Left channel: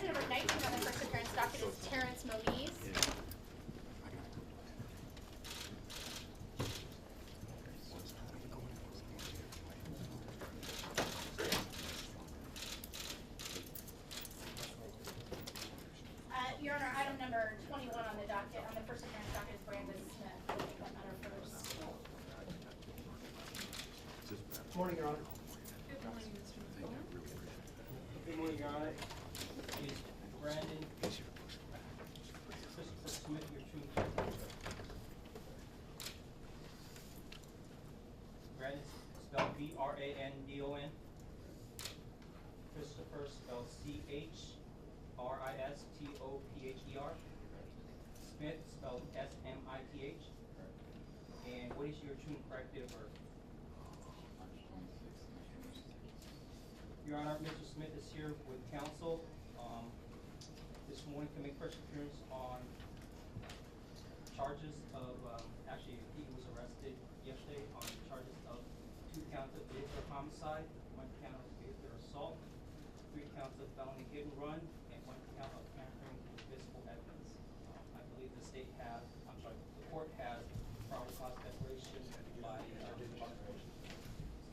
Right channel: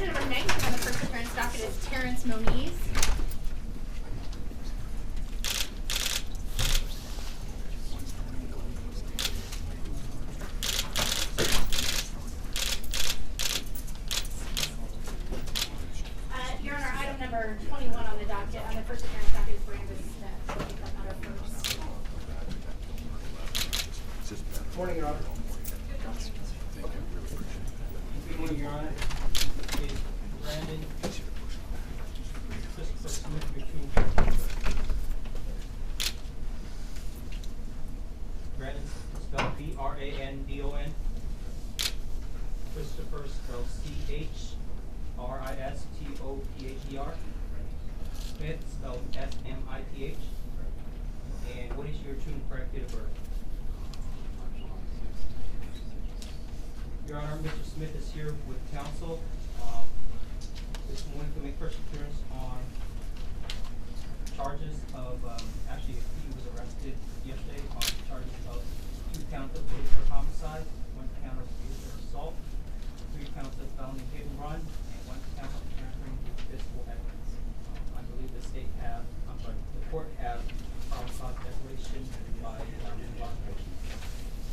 Number 9 on the first appearance docket is Terrence Moniz. Your Honor, item number 21 on the docket, on the first appearance docket is Brandon Smith. We'll take that matter first. Good morning, Your Honor. Good morning, Your Honor. Is Brandon Christopher Smith between Brandon spelled B-R-A-N-D-O-N. Christopher spelled C-H-R-I-S-T-O-P-H-E-R. Smith spelled S-M-I-T-H. And what is your true and correct date of birth? Your Honor, Mr. Smith is here with counsel this morning to make first appearance on charges of, actually he was arrested yesterday on charges of 2 counts of vehicular homicide, 1 count of vehicular assault, 3 counts of felony hit and run, and 1 count of tampering with physical evidence. I believe the court have probable cause declaration by law.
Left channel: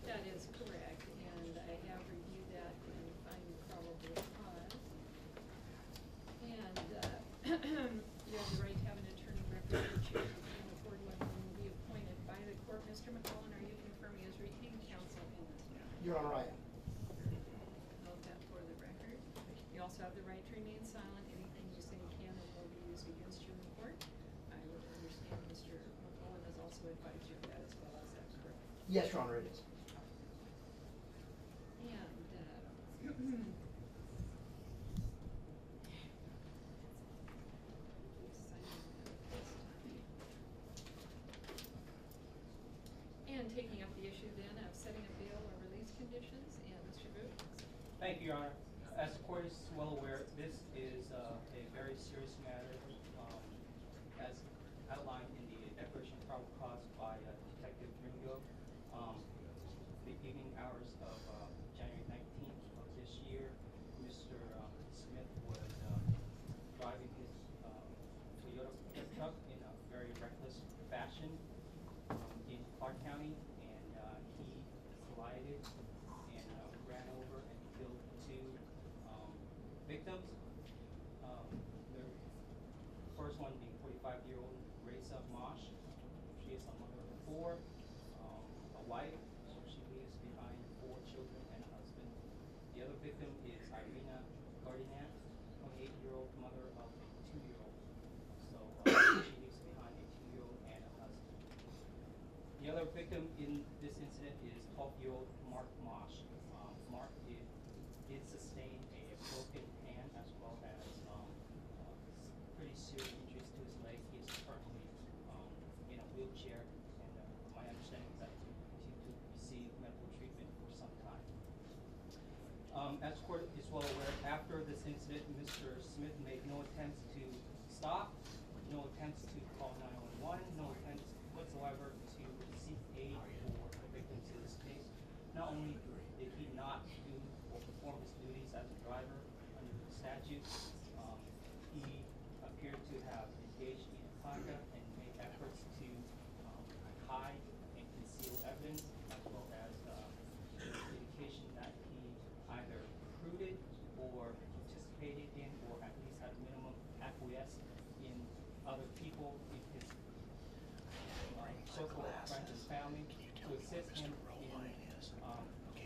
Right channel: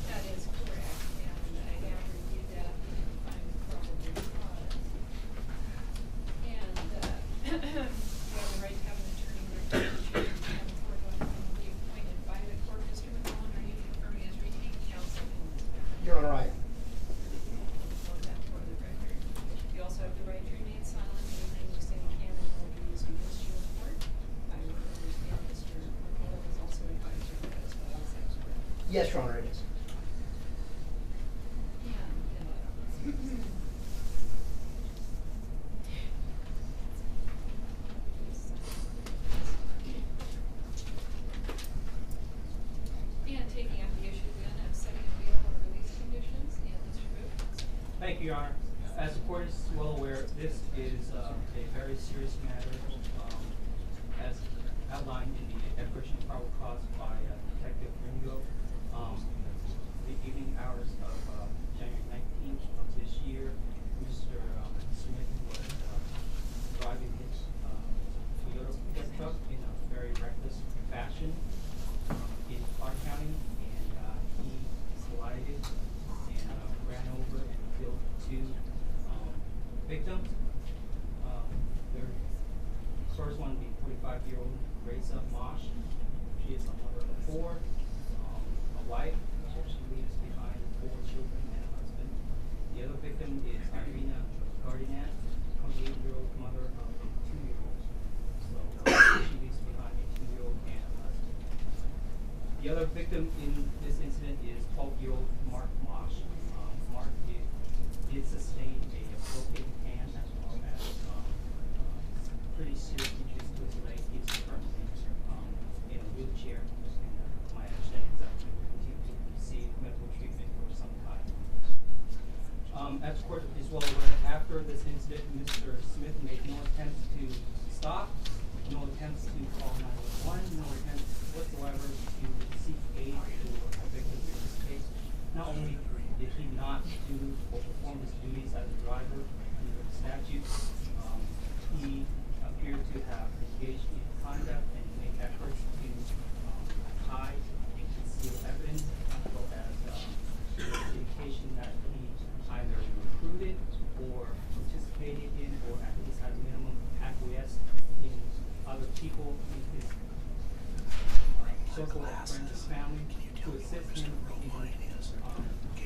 That is correct, and I have reviewed that and find probable cause. And you have the right to have an attorney recommendation and for one who will be appointed by the court. Mr. McMullen, are you confirming as retained counsel in this matter? You're all right. Vote that for the record. You also have the right to remain silent. Anything you say can and will be used against you in court. I would understand Mr. McMullen has also advised you that as well. Is that correct? Yes, Your Honor, it is. And taking up the issue then of setting a bail or release conditions, and Mr. Booth. Thank you, Your Honor. As the court is well aware, this is a very serious matter, as outlined in the declaration of probable cause by Detective Ringo. The evening hours of January 19th of this year, Mr. Smith was driving his Toyota pickup truck in a very reckless fashion in Clark County, and he collided and ran over and killed 2 victims. The first one being 45-year-old Raisa Mosh. She is a mother of 4, a wife. She leaves behind 4 children and a husband. The other victim is Irina Gardinat, 28-year-old mother of a 2-year-old. So she leaves behind a 2-year-old and a husband. The other victim in this incident is 12-year-old Mark Mosh. Mark did sustain a broken hand as well as pretty serious injuries to his leg. He's currently in a wheelchair. And my understanding is that he will continue to receive medical treatment for some time. As the court is well aware, after this incident, Mr. Smith made no attempts to stop, no attempts to call 911, no attempts whatsoever to seek aid for a victim in this case. Not only did he not do or perform his duties as a driver under the statute, he appeared to have engaged in conduct and make efforts to hide and conceal evidence, as well as indication that he either recruited or participated in, or at least at minimum acquiesced in other people in his circle of friends and family to assist him in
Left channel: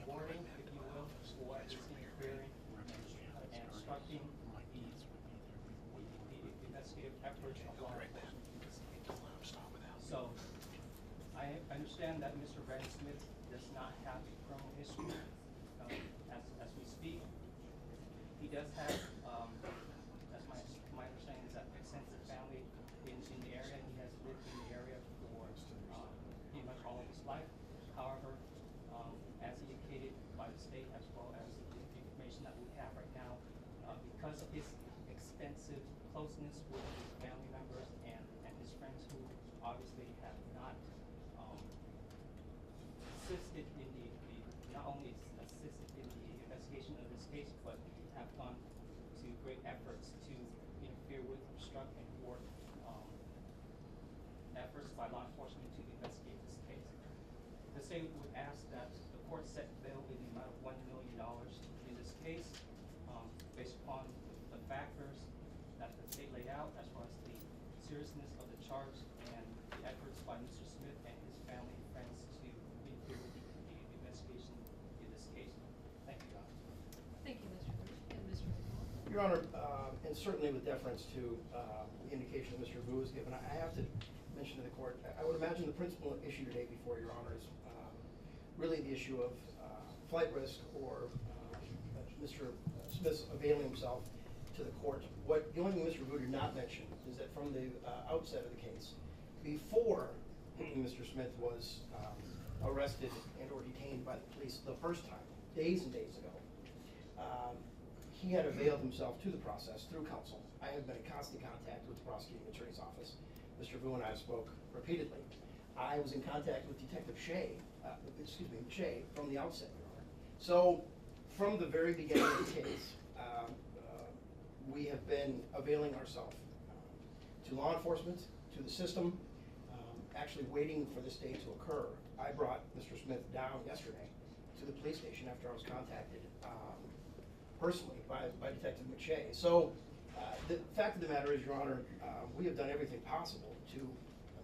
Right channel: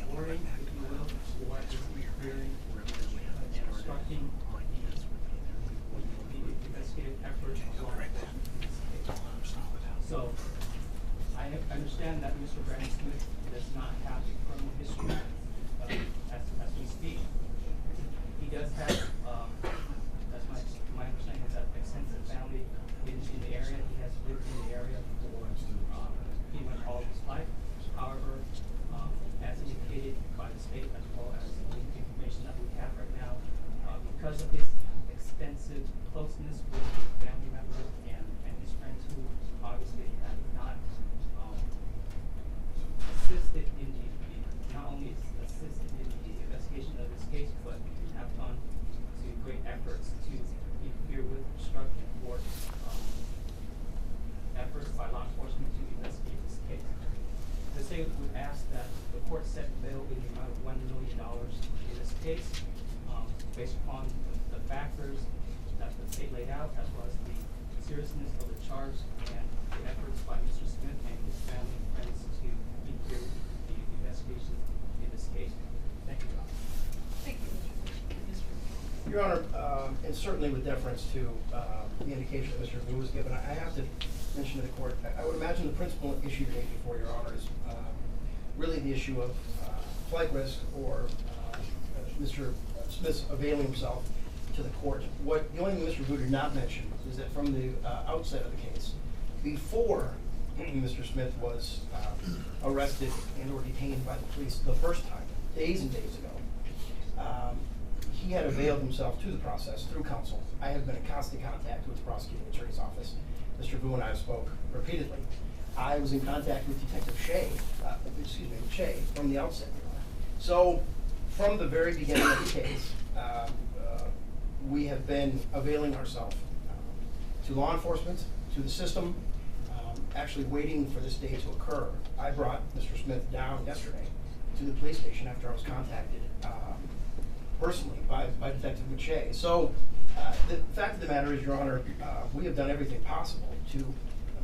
boarding, if you will, or at least clearing and obstructing the investigative efforts of law enforcement. So, I understand that Mr. Brandon Smith does not have a criminal history as we speak. He does have, that's my understanding, is that extensive family in the area. He has lived in the area for pretty much all of his life. However, as indicated by the state as well as the information that we have right now, because of his extensive closeness with his family members and his friends who obviously have not assisted in not only assisted in the investigation of this case, but have gone to great efforts to interfere with, obstruct, and thwart efforts by law enforcement to investigate this case. The state would ask that the court set bail in the amount of $1 million in this case, based upon the factors that the state laid out, as well as the seriousness of the charge and the efforts by Mr. Smith and his family and friends to interfere with the investigation in this case. Thank you, Your Honor. Thank you, Mr. Your Honor, and certainly with deference to the indication that Mr. Vu was given, I have to mention to the court, I would imagine the principal issue today before Your Honor is really the issue of flight risk or Mr. Smith's availing himself to the court. The only thing Mr. Vu did not mention is that from the outset of the case, before Mr. Smith was arrested and or detained by the police the first time, days and days ago, he had availed himself to the process through counsel. I have been in constant contact with the prosecuting attorney's office. Mr. Vu and I spoke repeatedly. I was in contact with Detective Shea from the outset, Your Honor. So, from the very beginning of the case, we have been availing ourselves to law enforcement, to the system, actually waiting for this day to occur. I brought Mr. Smith down yesterday to the police station after I was contacted personally by Detective McShay. So, the fact of the matter is, Your Honor, we have done everything possible to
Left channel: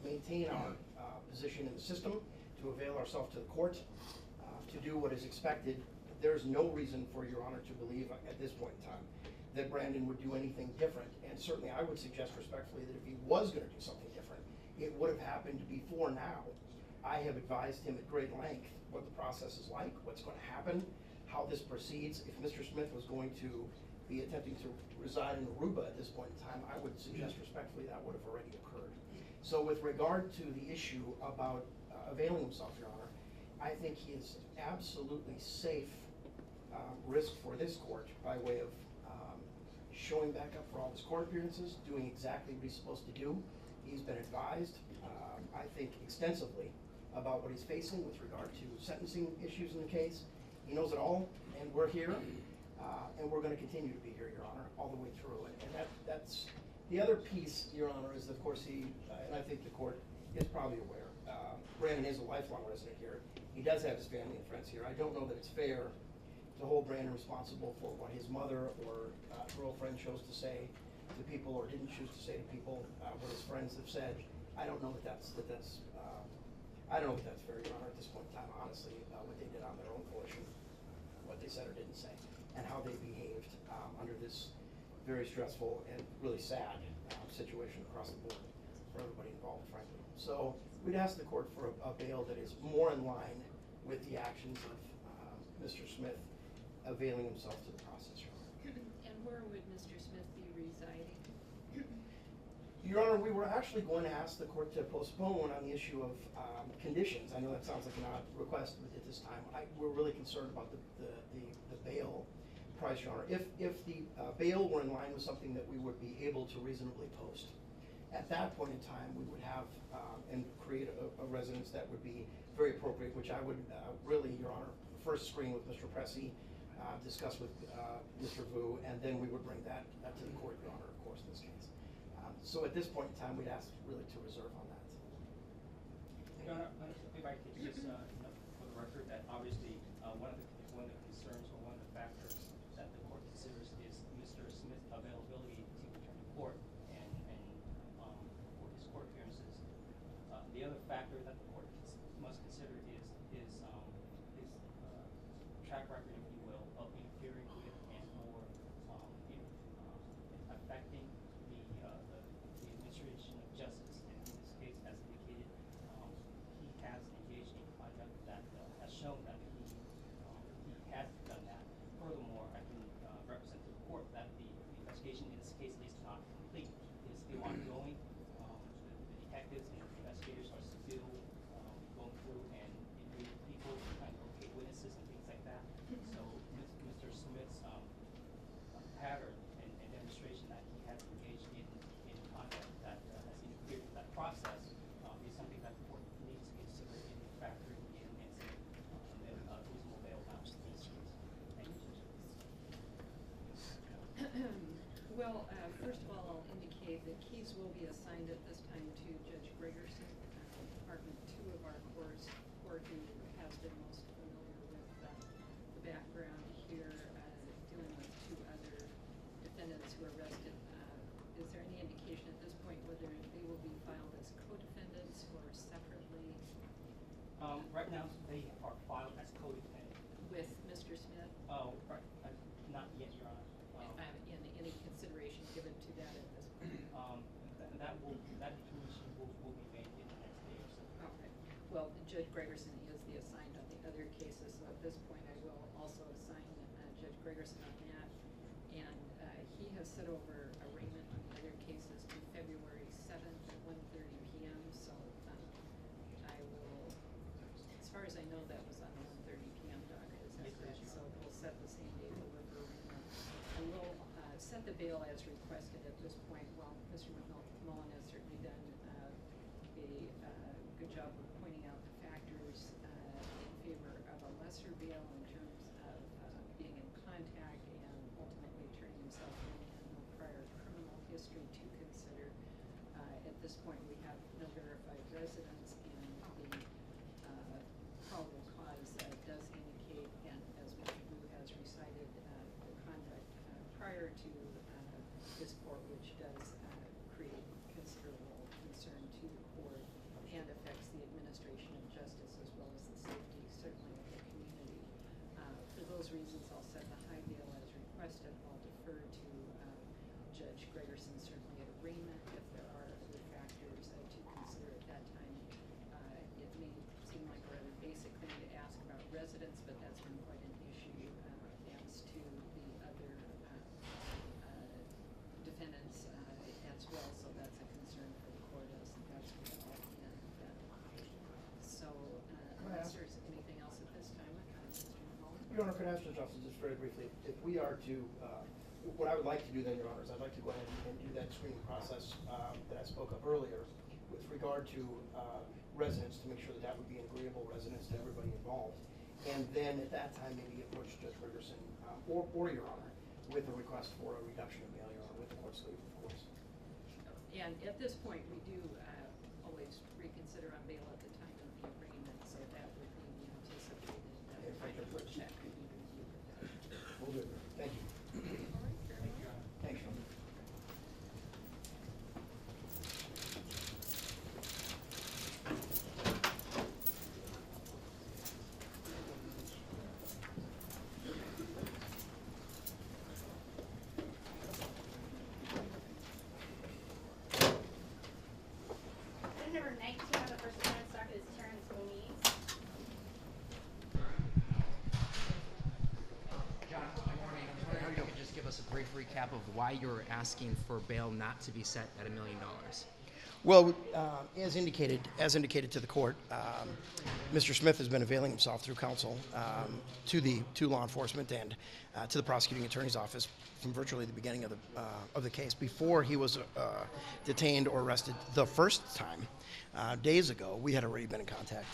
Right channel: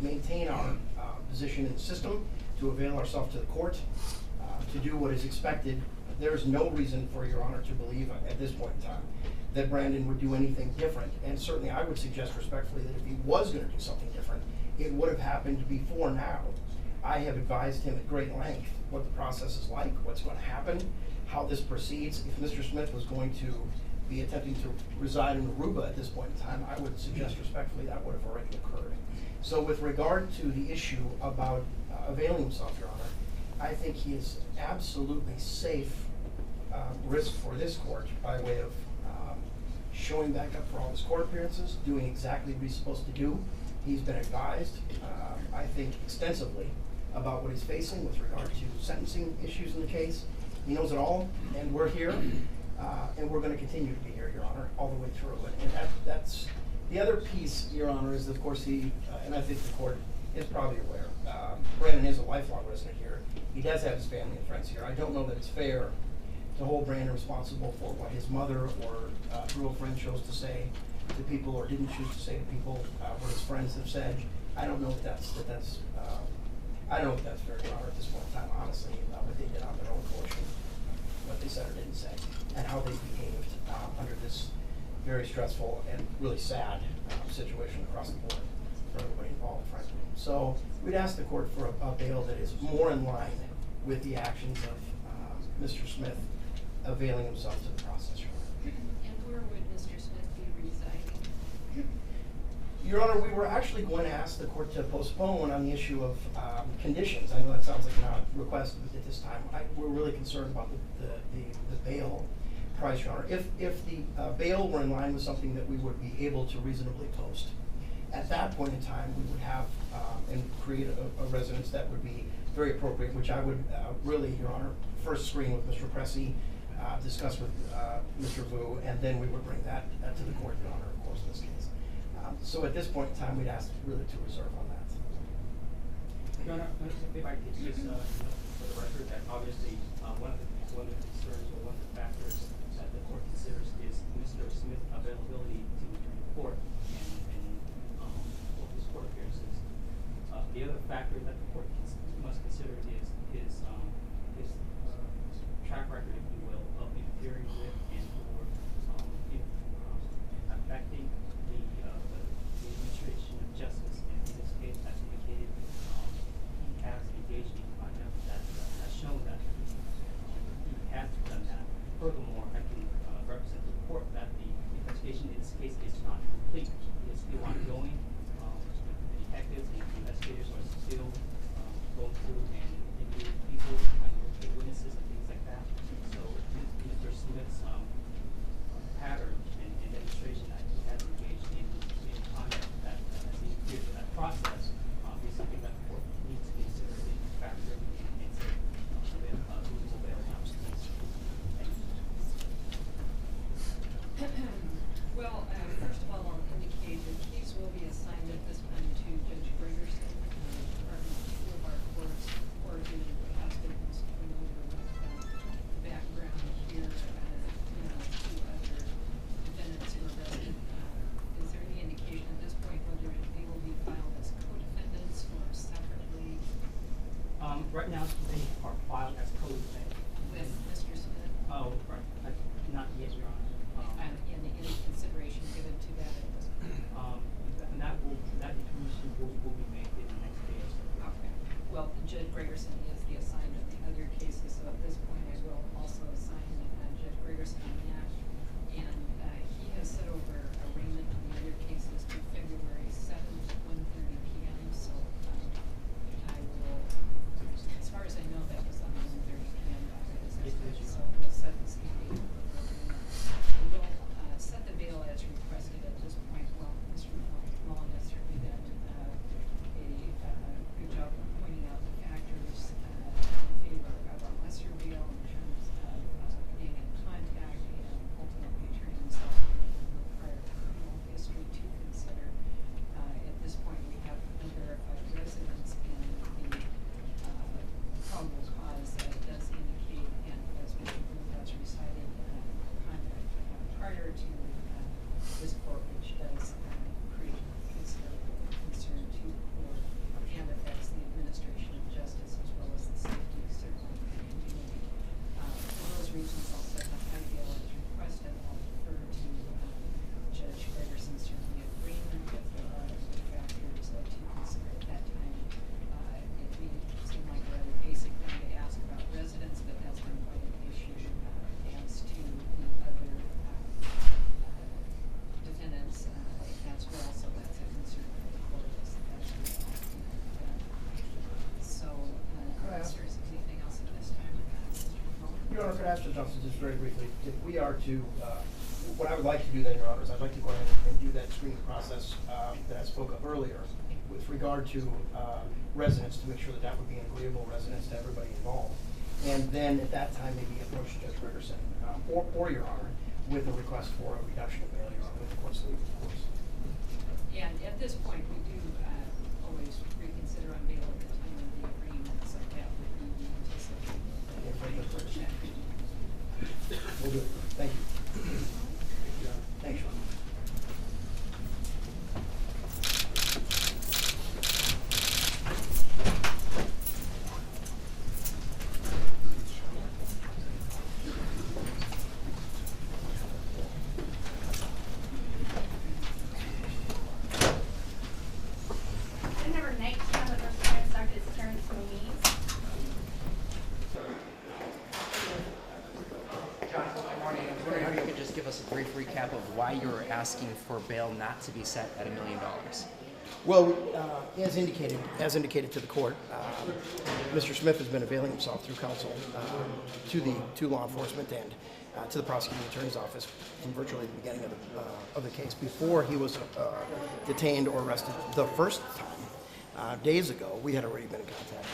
maintain our position in the system, to avail ourselves to the court, to do what is expected. There is no reason for Your Honor to believe at this point in time that Brandon would do anything different. And certainly I would suggest respectfully that if he was going to do something different, it would have happened before now. I have advised him at great length what the process is like, what's going to happen, how this proceeds. If Mr. Smith was going to be attempting to reside in Aruba at this point in time, I would suggest respectfully that would have already occurred. So with regard to the issue about availing himself, Your Honor, I think he is absolutely safe risk for this court by way of showing back up for all his court appearances, doing exactly what he's supposed to do. He's been advised, I think, extensively about what he's facing with regard to sentencing issues in the case. He knows it all, and we're here, and we're going to continue to be here, Your Honor, all the way through. And that's the other piece, Your Honor, is of course he, and I think the court is probably aware, Brandon is a lifelong resident here. He does have his family and friends here. I don't know that it's fair to hold Brandon responsible for what his mother or girlfriend chose to say to people or didn't choose to say to people, what his friends have said. I don't know if that's I don't know if that's fair, Your Honor, at this point in time, honestly, what they did on their own coalition, what they said or didn't say, and how they behaved under this very stressful and really sad situation across the board for everybody involved, frankly. So we'd ask the court for a bail that is more in line with the actions of Mr. Smith availing himself to the process, Your Honor. And where would Mr. Smith be residing? Your Honor, we were actually going to ask the court to postpone on the issue of conditions. I know that sounds like an odd request at this time. We're really concerned about the bail price, Your Honor. If the bail were in line with something that we would be able to reasonably post, at that point in time we would have and create a residence that would be very appropriate, which I would really, Your Honor, first screen with Mr. Pressey, discuss with Mr. Vu, and then we would bring that to the court, Your Honor, of course, in this case. So at this point in time, we'd ask really to reserve on that. Your Honor, if I could just for the record that obviously one of the concerns or one of the factors that the court considers is Mr. Smith's availability to return to court and for his court appearances. The other factor that the court must consider is his track record, if you will, of interfering with and or affecting the administration of justice. And in this case, as indicated, he has engaged in conduct that has shown that he has assigned at this time to Judge Gregerson, Department 2 of our courts, or who has been most familiar with the background here, two other defendants who are arrested. Is there any indication at this point whether they will be filed as co-defendants or separately Right now, they are filed as co-defendant. with Mr. Smith? Oh, right. Not yet, Your Honor. Any consideration given to that at this point? That determination will be made in the next day or so. Okay. Well, Judge Gregerson is the assigned on the other cases, so at this point I will also assign Judge Gregerson on that. And he has set over arraignment on the other cases to February 7th at 1:30 p.m. So I will, as far as I know, that was on the 1:30 p.m. docket. Is that Yes, correct? yes. So we'll set the same date for arraignment. We will set the bail as requested at this point. Well, Mr. Mullen has certainly done a good job of pointing out the factors in favor of a lesser bail in terms of being in contact and ultimately turning himself in and no prior criminal history to consider. At this point, we have no verified residence, and the probable cause does indicate, and as Mr. Booth has recited, conduct prior to this court, which does create considerable concern to the court and affects the administration of justice as well as the safety, certainly, of the community. For those reasons, I'll set the high bail as requested. I'll defer to Judge Gregerson, certainly agreement if there are other factors to consider at that time. It may seem like a rather basic thing to ask about residence, but that's been quite an issue as to the other defendants as well, so that's a concern for the court as well. So, unless there's anything else at this time, Mr. Mullen? Your Honor, could I ask Judge Johnson just very briefly, if we are to, what I would like to do then, Your Honor, is I'd like to go ahead and do that screening process that I spoke of earlier with regard to residents, to make sure that that would be an agreeable residence to everybody involved. And then at that time, maybe approach Judge Gregerson, or Your Honor, with a request for a reduction of bail, Your Honor, with the court's leave, of course. And at this point, we do always reconsider on bail at the time of the agreement, so that would be the anticipated. Yeah, right, that's right. We'll do it. Thank you. Thanks, Your Honor. Item number 19 on the first appearance docket is Terrence Moniz. Jonathan, good morning. I was wondering if you could just give us a brief recap of why you're asking for bail not to be set at $1 million. Well, as indicated to the court, Mr. Smith has been availing himself through counsel to law enforcement and to the prosecuting attorney's office from virtually the beginning of the case. Before he was detained or arrested the first time, days ago, we had already been in contact.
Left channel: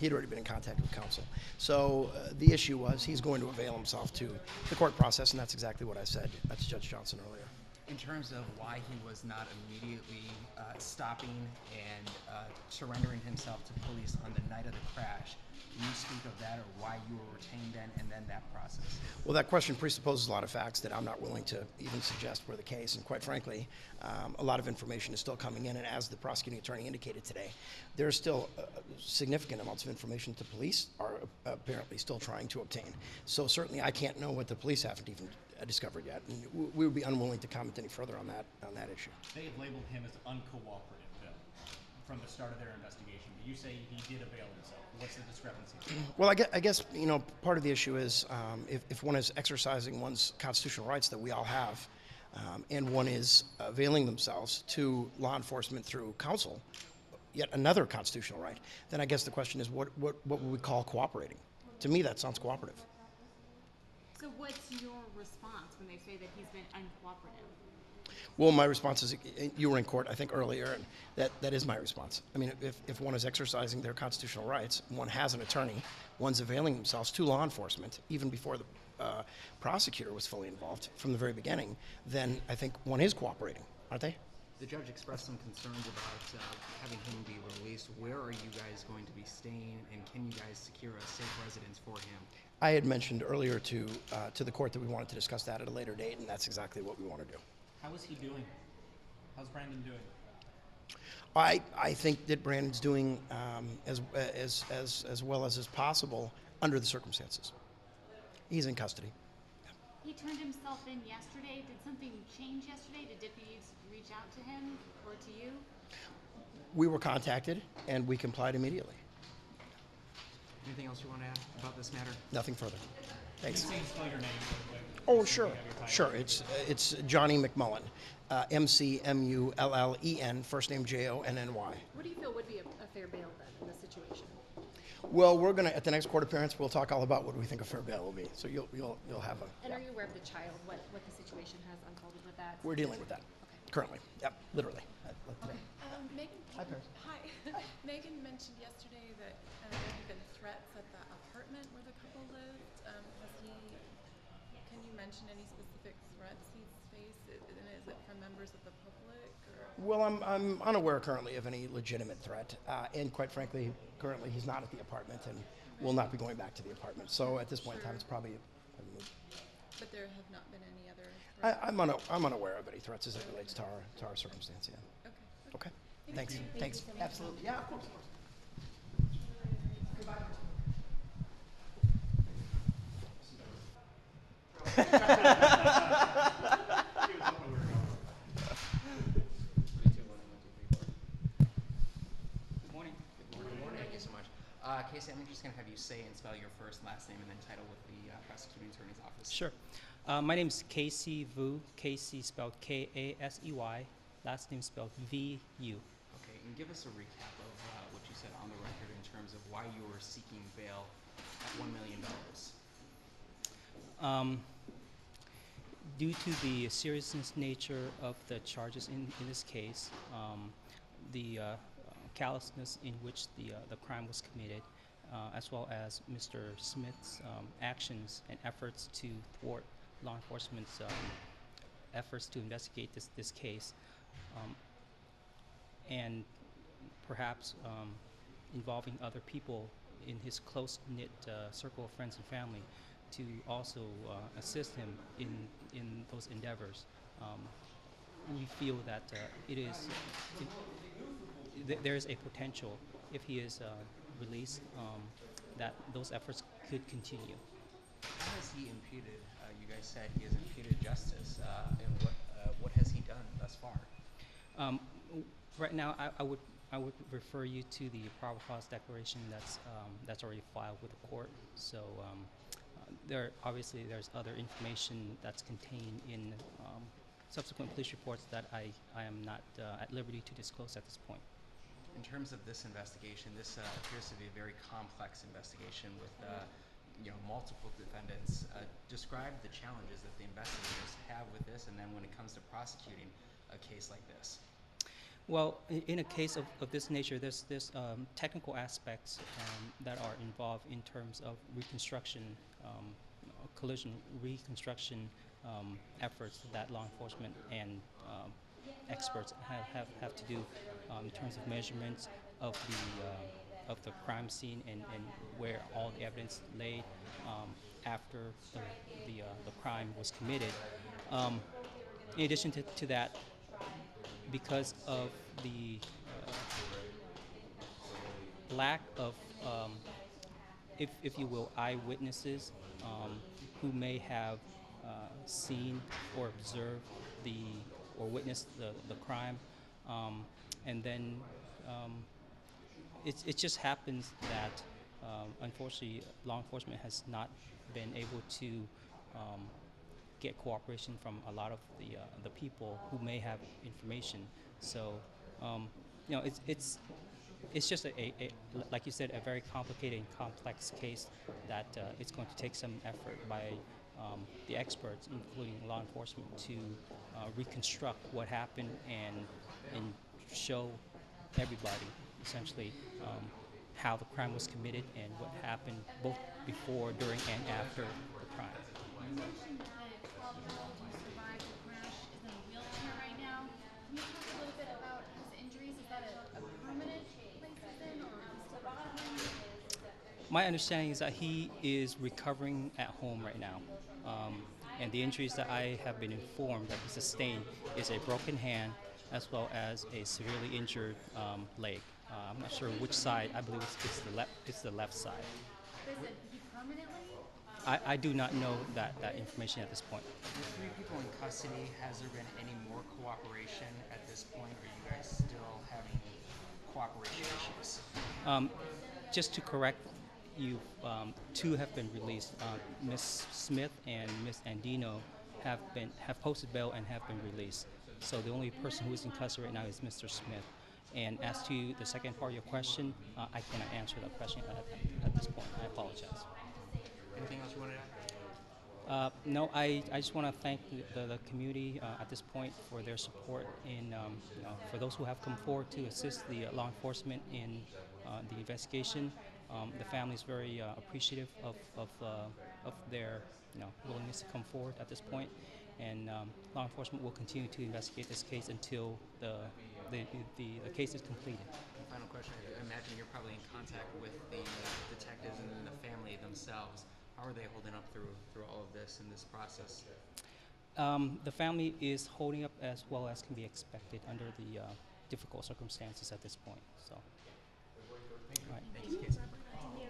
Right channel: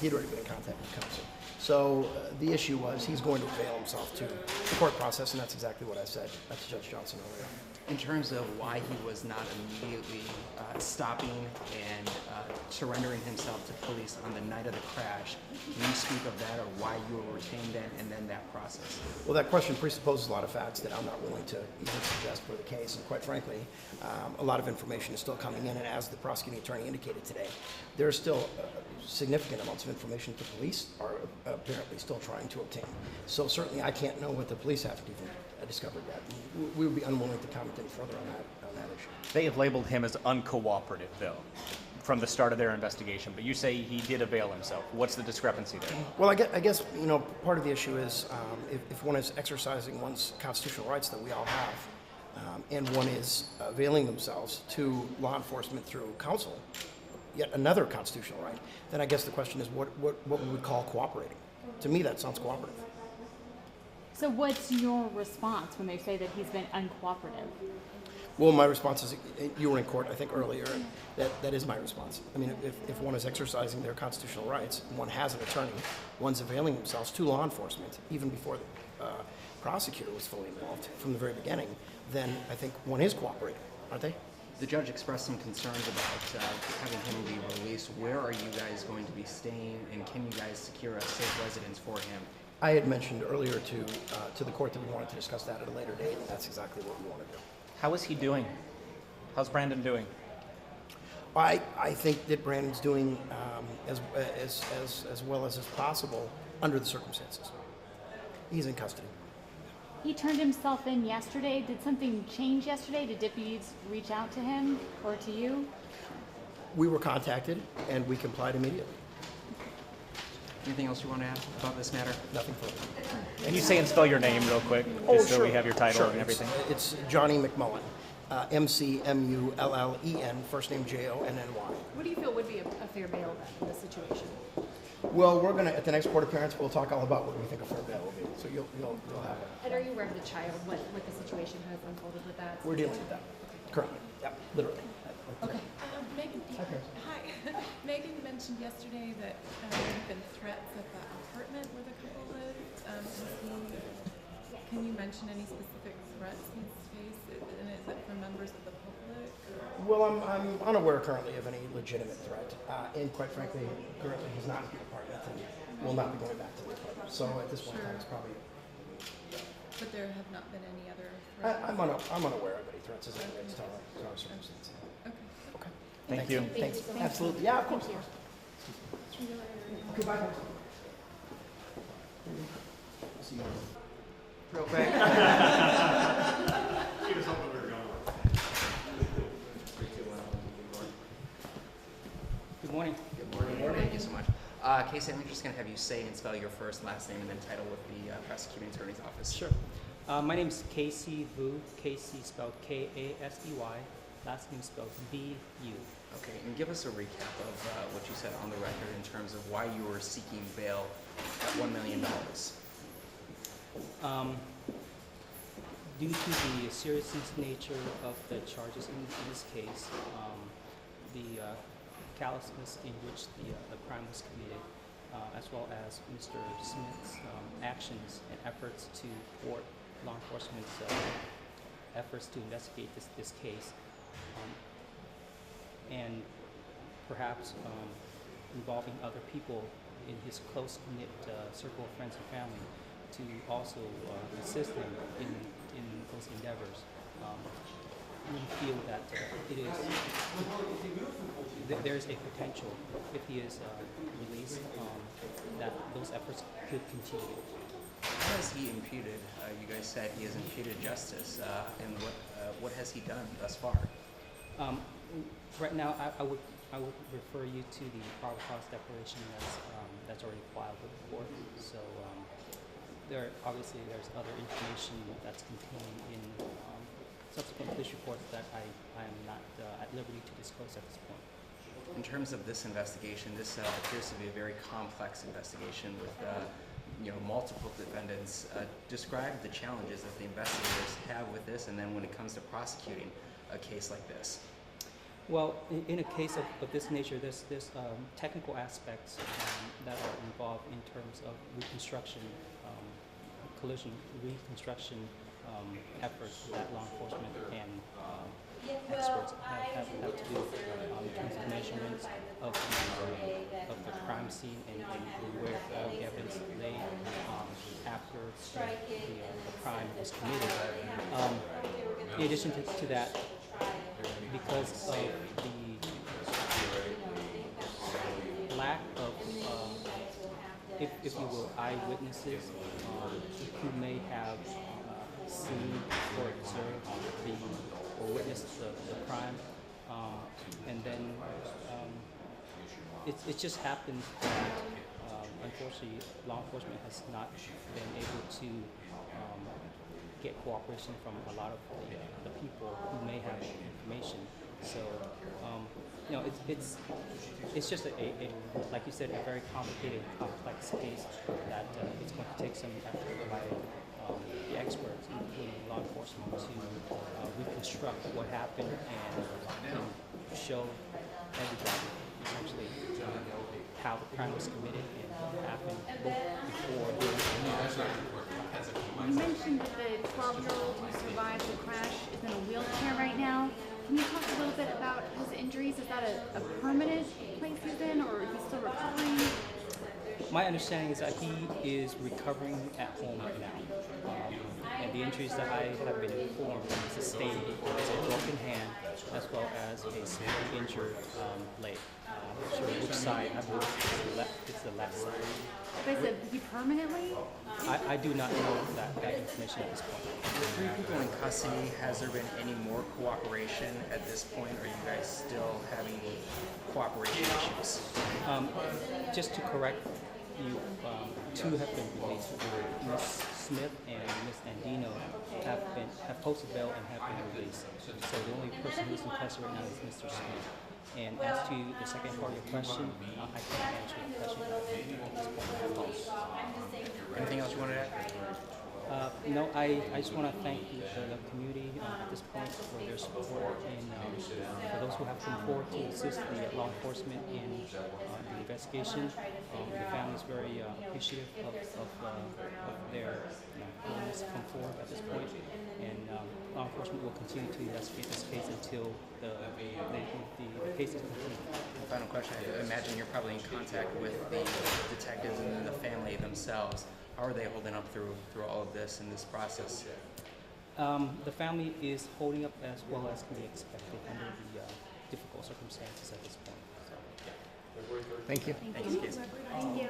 He'd already been in contact with counsel. So the issue was he's going to avail himself to the court process, and that's exactly what I said to Judge Johnson earlier. In terms of why he was not immediately stopping and surrendering himself to police on the night of the crash, can you speak of that, or why you were retained then and then that process? Well, that question presupposes a lot of facts that I'm not willing to even suggest for the case, and quite frankly, a lot of information is still coming in, and as the prosecuting attorney indicated today, there's still significant amounts of information that the police are apparently still trying to obtain. So certainly I can't know what the police haven't even discovered yet. We would be unwilling to comment any further on that issue. They have labeled him as uncooperative, though, from the start of their investigation. But you say he did avail himself. What's the discrepancy there? Well, I guess part of the issue is if one is exercising one's constitutional rights that we all have, and one is availing themselves to law enforcement through counsel, yet another constitutional right, then I guess the question is what would we call cooperating? To me, that sounds cooperative. So what's your response when they say that he's been uncooperative? Well, my response is, you were in court, I think, earlier. That is my response. I mean, if one is exercising their constitutional rights, one has an attorney, one's availing themselves to law enforcement, even before the prosecutor was fully involved from the very beginning, then I think one is cooperating, aren't they? The judge expressed some concerns about having him be released. Where are you guys going to be staying, and can you guys secure a safe residence for him? I had mentioned earlier to the court that we wanted to discuss that at a later date, and that's exactly what we want to do. How is he doing? How's Brandon doing? I think that Brandon's doing as well as is possible under the circumstances. He's in custody. He turned himself in yesterday. Did something change yesterday? Did deputies reach out to him or to you? We were contacted, and we complied immediately. Anything else you want to add about this matter? Nothing further. Can you say and spell your name real quick? Oh, just so sure. we have your title Sure. and everything. It's Johnny McMullen. McMullen, first name Jonny. What do you feel would be a fair bail then in this situation? Well, we're gonna at the next court appearance we'll talk all about what we think a fair bail will be. So you'll have it. And are you aware of the child, what the situation has unfolded with that? We're dealing with that currently. Yeah, literally. Okay. Megan, Hi, Chris. hi. Megan mentioned yesterday that there have been threats at the apartment where the couple lives. Can you mention any specific threats he's faced? And is it from members of the public? Well, I'm unaware currently of any legitimate threat, and quite frankly, currently he's not in the apartment and will not be going back to the apartment. So at this point in time, it's probably. But there have not been any other I'm unaware of any threats as it relates to our circumstance. Okay. Okay. Thank Thanks. you. Thanks. Absolutely. Yeah, of course. Goodbye. Real quick. Good morning. Good morning. Thank you so much. Casey, I'm just going to have you say and spell your first, last name, and then title with the prosecuting attorney's office. Sure. My name is Casey Vu. Casey spelled K-A-S-E-Y. Last name spelled V-U. Okay, and give us a recap of what you said on the record in terms of why you were seeking bail at $1 million. Due to the serious nature of the charges in this case, the callousness in which the crime was committed, as well as Mr. Smith's actions and efforts to thwart law enforcement's efforts to investigate this case, and perhaps involving other people in his close-knit circle of friends and family to also assist him in those endeavors. We feel that there's a potential, if he is released, that those efforts could continue. How has he imputed, you guys said he has imputed justice, and what has he done thus far? Right now, I would refer you to the probable cause declaration that's already filed with the court. So obviously there's other information that's contained in subsequent police reports that I am not at liberty to disclose at this point. In terms of this investigation, this appears to be a very complex investigation with multiple defendants. Describe the challenges that the investigators have with this, and then when it comes to prosecuting a case like this. Well, in a case of this nature, there's technical aspects that are involved in terms of reconstruction, collision reconstruction efforts that law enforcement and experts have to do in terms of measurements of the crime scene and where all the evidence lay after the crime was committed. In addition to that, because of the lack of, if you will, eyewitnesses who may have seen or observed or witnessed the crime, and then it just happens that unfortunately law enforcement has not been able to get cooperation from a lot of the people who may have information. So it's just a like you said, a very complicated, complex case that it's going to take some effort by the experts, including law enforcement, to reconstruct what happened and show everybody essentially how the crime was committed and what happened both before, during, and after. You mentioned that the 12-year-old who survived the crash is in a wheelchair right now. Can you talk a little My understanding is that he is recovering at home right now. And the injuries that I have been informed that he sustained is a broken hand as well as a severely injured leg. I'm not sure which side. I believe it's the left side. They said he permanently? I do not know that information at this point. The 3 people in custody, has there been any more cooperation at this point? Or are you guys still having cooperation issues? Just to correct you, 2 have been released. Ms. Smith and Ms. Andino have posted bail and have been released. So the only person who's in custody right now is Mr. Smith. And as to the second part of your question, I can't answer that question at this point. I apologize. Anything else you wanted to add? No, I just want to thank the community at this point for their support and for those who have come forward to assist the law enforcement in the investigation. The family is very appreciative of their willingness to come forward at this point, and law enforcement will continue to investigate this case until the case is completed. Final question. I imagine you're probably in contact with the detectives and then the family themselves. How are they holding up through all of this and this process? The family is holding up as well as can be expected under the difficult circumstances at this point. So, Thank you. Thank you. Casey. Thank you.